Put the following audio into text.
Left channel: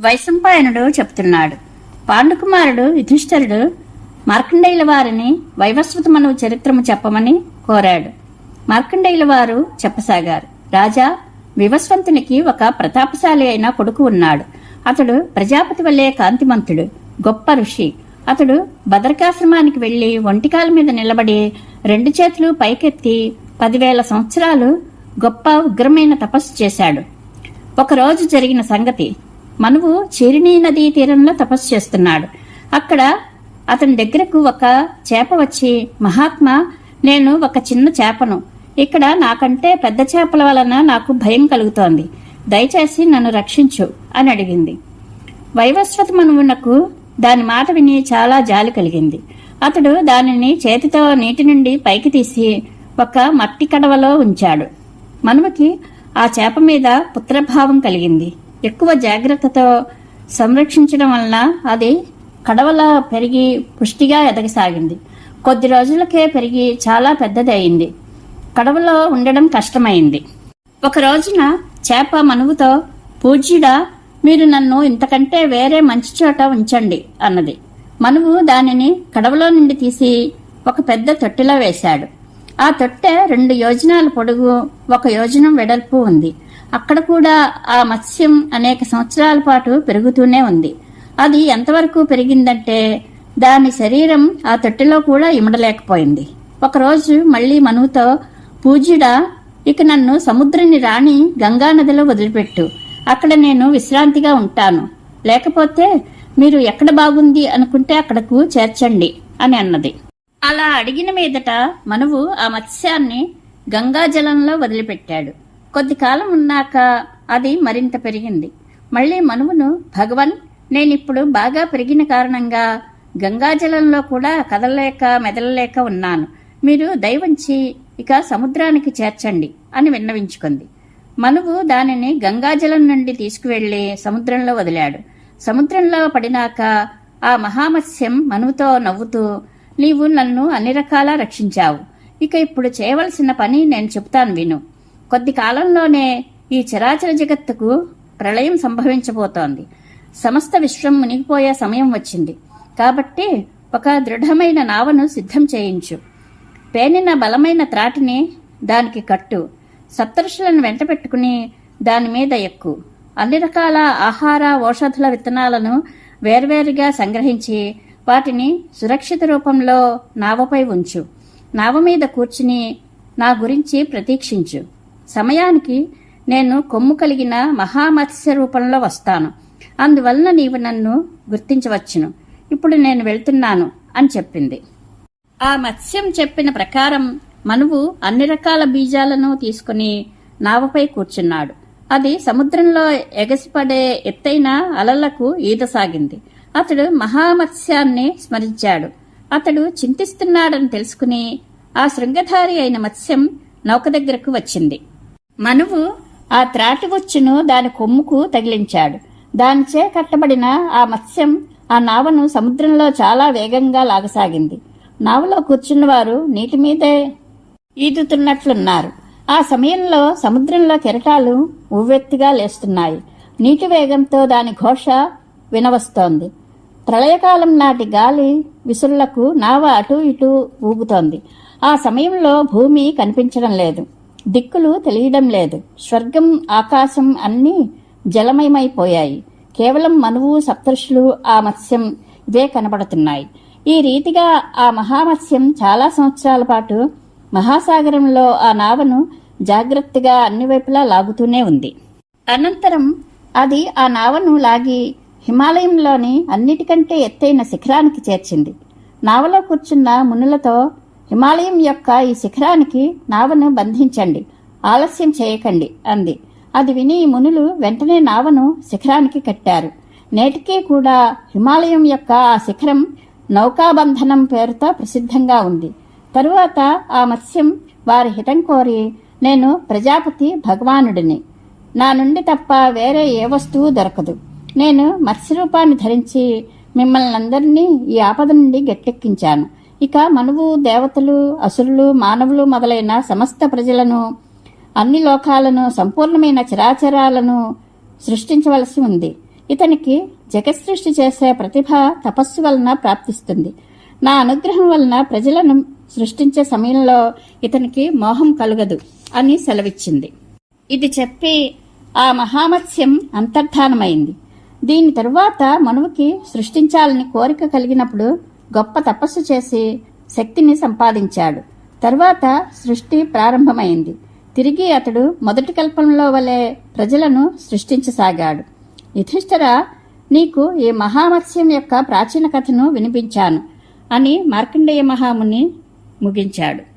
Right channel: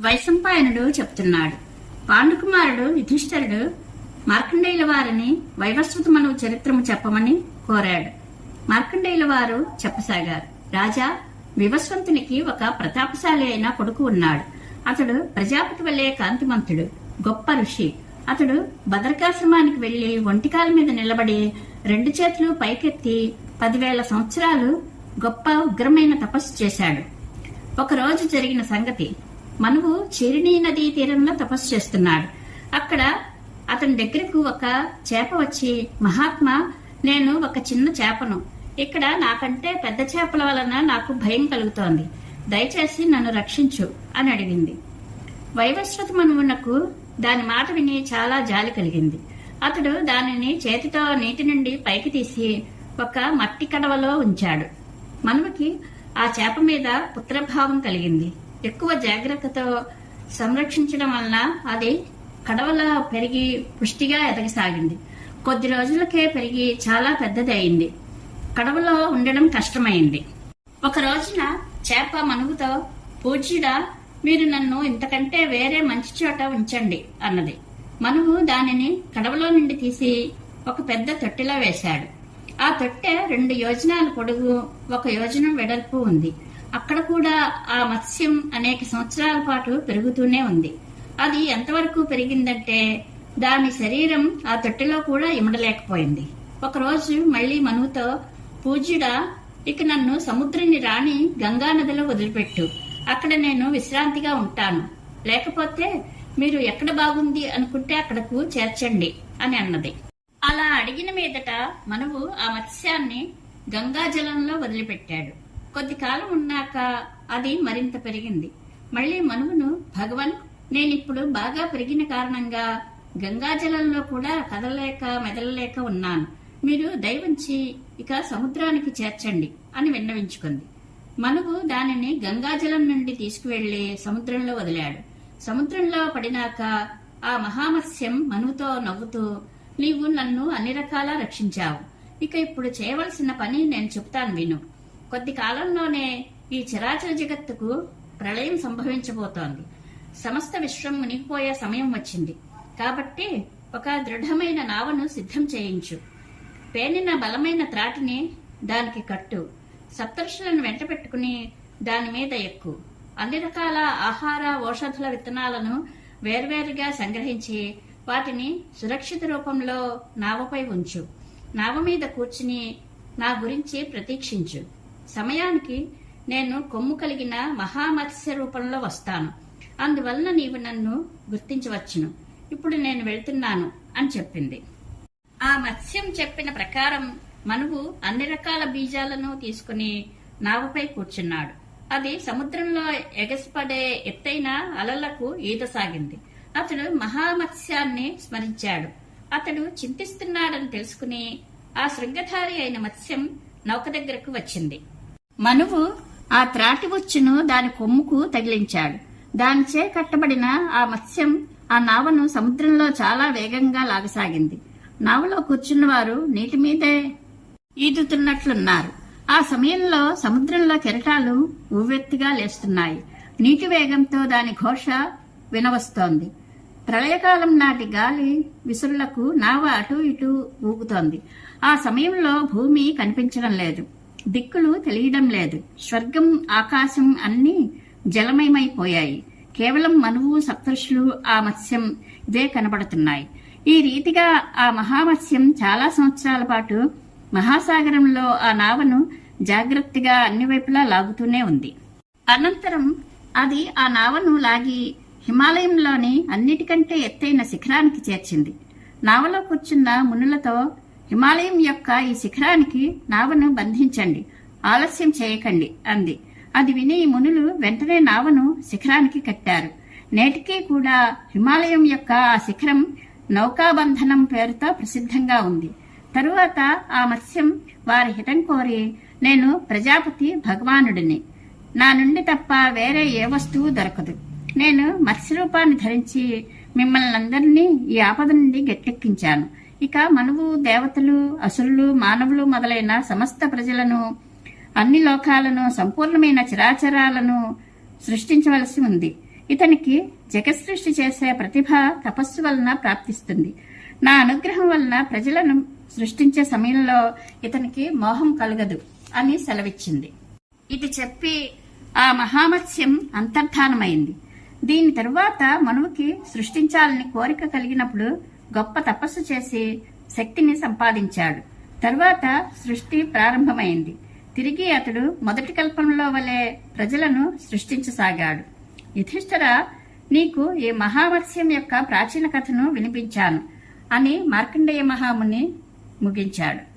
వైశంపాయనుడు చెప్తున్నాడు. పాండుకుమారుడు యుధిష్ఠరుడు మార్కండేయుల వారిని వైవస్వత మనువు చరిత్రము చెప్పమని కోరాడు. మార్కండేయుల వారు చెప్పసాగారు. రాజా వివస్వంతునికి ఒక ప్రతాపశాలి అయిన కొడుకు ఉన్నాడు. అతడు ప్రజాపతి వల్లే కాంతిమంతుడు గొప్ప ఋషి. అతడు భద్రకాశ్రమానికి వెళ్ళి ఒంటికాల మీద నిలబడి రెండు చేతులు పైకెత్తి పదివేల సంవత్సరాలు గొప్ప ఉగ్రమైన తపస్సు చేశాడు. ఒకరోజు జరిగిన సంగతి మనువు చీరిణీ నదీ తీరంలో తపస్సు చేస్తున్నాడు. అక్కడ అతని దగ్గరకు ఒక చేప వచ్చి మహాత్మా నేను ఒక చిన్న చేపను. ఇక్కడ నాకంటే పెద్ద చేపల వలన నాకు భయం కలుగుతోంది. దయచేసి నన్ను రక్షించు అని అడిగింది. వైవస్వత మనువునకు దాని మాట విని చాలా జాలి కలిగింది. అతడు దానిని చేతితో నీటి నుండి పైకి తీసి ఒక మట్టి కడవలో ఉంచాడు. మనుమకి ఆ చేప మీద పుత్రభావం కలిగింది. ఎక్కువ జాగ్రత్తతో సంరక్షించడం వలన అది కడవలా పెరిగి పుష్టిగా ఎదగసాగింది. కొద్ది రోజులకే పెరిగి చాలా పెద్దది అయింది కడవలో ఉండడం కష్టమైంది. ఒక రోజున చేప మనువుతో పూజ్యుడా మీరు నన్ను ఇంతకంటే వేరే మంచి చోట ఉంచండి అన్నది. మనువు దానిని కడవలో నుండి తీసి ఒక పెద్ద తొట్టెలో వేశాడు. ఆ తొట్టె రెండు యోజనాల పొడుగు ఒక యోజనం వెడల్పు ఉంది. అక్కడ కూడా ఆ మత్స్యం అనేక సంవత్సరాల పాటు పెరుగుతూనే ఉంది. అది ఎంతవరకు పెరిగిందంటే దాని శరీరం ఆ తొట్టెలో కూడా ఇమడలేకపోయింది. ఒకరోజు మళ్ళీ మనువుతో పూజ్యుడా ఇక నన్ను సముద్రుని రాణి గంగానదిలో వదిలిపెట్టు. అక్కడ నేను విశ్రాంతిగా ఉంటాను. లేకపోతే మీరు ఎక్కడ బాగుంది అనుకుంటే అక్కడకు చేర్చండి అని అన్నది. అలా అడిగిన మీదట మనువు ఆ మత్స్యాన్ని గంగాజలంలో వదిలిపెట్టాడు. కొద్ది కాలం ఉన్నాక అది మరింత పెరిగింది. మళ్ళీ మనువును భగవన్ నేనిప్పుడు బాగా పెరిగిన కారణంగా గంగాజలంలో కూడా కదలలేక మెదలలేక ఉన్నాను. మీరు దయవంచి ఇక సముద్రానికి చేర్చండి అని విన్నవించుకుంది. మనువు దానిని గంగాజలం నుండి తీసుకువెళ్ళి సముద్రంలో వదిలాడు. సముద్రంలో పడినాక ఆ మహామత్స్యం మనువుతో నవ్వుతూ నీవు నన్ను అన్ని రకాలా రక్షించావు. ఇక ఇప్పుడు చేయవలసిన పని నేను చెప్తాను విను. కొద్ది కాలంలోనే ఈ చరాచర జగత్తుకు ప్రళయం సంభవించబోతోంది. సమస్త విశ్వం మునిగిపోయే సమయం వచ్చింది. కాబట్టి ఒక దృఢమైన నావను సిద్ధం చేయించు. పేనిన బలమైన త్రాటిని దానికి కట్టు. సప్తర్షులను వెంట పెట్టుకుని దాని మీద ఎక్కు. అన్ని రకాల ఆహార ఔషధుల విత్తనాలను వేర్వేరుగా సంగ్రహించి వాటిని సురక్షిత రూపంలో నావపై ఉంచు. నావ మీద కూర్చుని నా గురించి ప్రతీక్షించు. సమయానికి నేను కొమ్ము కలిగిన మహామత్స్య రూపంలో వస్తాను. అందువలన నీవు నన్ను గుర్తించవచ్చును. ఇప్పుడు నేను వెళ్తున్నాను అని చెప్పింది. ఆ మత్స్యం చెప్పిన ప్రకారం మనువు అన్ని రకాల బీజాలను తీసుకుని నావపై కూర్చున్నాడు. అది సముద్రంలో ఎగసిపడే ఎత్తైన అలలకు ఈదసాగింది. అతడు మహామత్స్యాన్ని స్మరించాడు. అతడు చింతిస్తున్నాడని తెలుసుకుని ఆ శృంగధారి అయిన మత్స్యం నౌక దగ్గరకు వచ్చింది. మనువు ఆ త్రాటి వచ్చును దాని కొమ్ముకు తగిలించాడు. దానిచే కట్టబడిన ఆ మత్స్యం ఆ నావను సముద్రంలో చాలా వేగంగా లాగసాగింది. నావలో కూర్చున్నవారు నీటి మీదే ఈదుతున్నట్లున్నారు. ఆ సమయంలో సముద్రంలో కెరటాలు ఉవ్వెత్తుగా లేస్తున్నాయి. నీటి వేగంతో దాని ఘోష వినవస్తోంది. ప్రళయకాలం నాటి గాలి విసురులకు నావ అటు ఇటు ఊగుతోంది. ఆ సమయంలో భూమి కనిపించడం లేదు. దిక్కులు తెలియడం లేదు. స్వర్గం ఆకాశం అన్నీ జలమయమైపోయాయి. కేవలం మనువు సప్తృషులు ఆ మత్స్యం ఇదే కనబడుతున్నాయి. ఈ రీతిగా ఆ మహామత్స్యం చాలా సంవత్సరాల పాటు మహాసాగరంలో ఆ నావను జాగ్రత్తగా అన్ని వైపులా లాగుతూనే ఉంది. అనంతరం అది ఆ నావను లాగి హిమాలయంలోని అన్నిటికంటే ఎత్తైన శిఖరానికి చేర్చింది. నావలో కూర్చున్న మునులతో హిమాలయం యొక్క ఈ శిఖరానికి నావను బంధించండి. ఆలస్యం చేయకండి అంది. అది విని మునులు వెంటనే నావను శిఖరానికి కట్టారు. నేటికీ కూడా హిమాలయం యొక్క ఆ శిఖరం నౌకాబంధనం పేరుతో ప్రసిద్ధంగా ఉంది. తరువాత ఆ మత్స్యం వారి హితం కోరి నేను ప్రజాపతి భగవానుడిని. నా నుండి తప్ప వేరే ఏ వస్తువు దొరకదు. నేను మత్స్యరూపాన్ని ధరించి మిమ్మల్ని అందరినీ ఈ ఆపద నుండి గట్టెక్కించాను. ఇక మనువు దేవతలు అసురులు మానవులు మొదలైన సమస్త ప్రజలను అన్ని లోకాలను సంపూర్ణమైన చరాచరాలను సృష్టించవలసి ఉంది. ఇతనికి జగత్సృష్టి చేసే ప్రతిభ తపస్సు వలన ప్రాప్తిస్తుంది. నా అనుగ్రహం వలన ప్రజలను సృష్టించే సమయంలో ఇతనికి మోహం కలగదు అని సెలవిచ్చింది. ఇది చెప్పి ఆ మహామత్స్యం అంతర్ధానమైంది. దీని తరువాత మనువుకి సృష్టించాలని కోరిక కలిగినప్పుడు గొప్ప తపస్సు చేసి శక్తిని సంపాదించాడు. తరువాత సృష్టి ప్రారంభమైంది. తిరిగి అతడు మొదటి కల్పంలో వలె ప్రజలను సృష్టించసాగాడు. యుధిష్ఠర నీకు ఈ మహామత్స్యం యొక్క ప్రాచీన కథను వినిపించాను అని మార్కండేయ మహాముని ముగించాడు.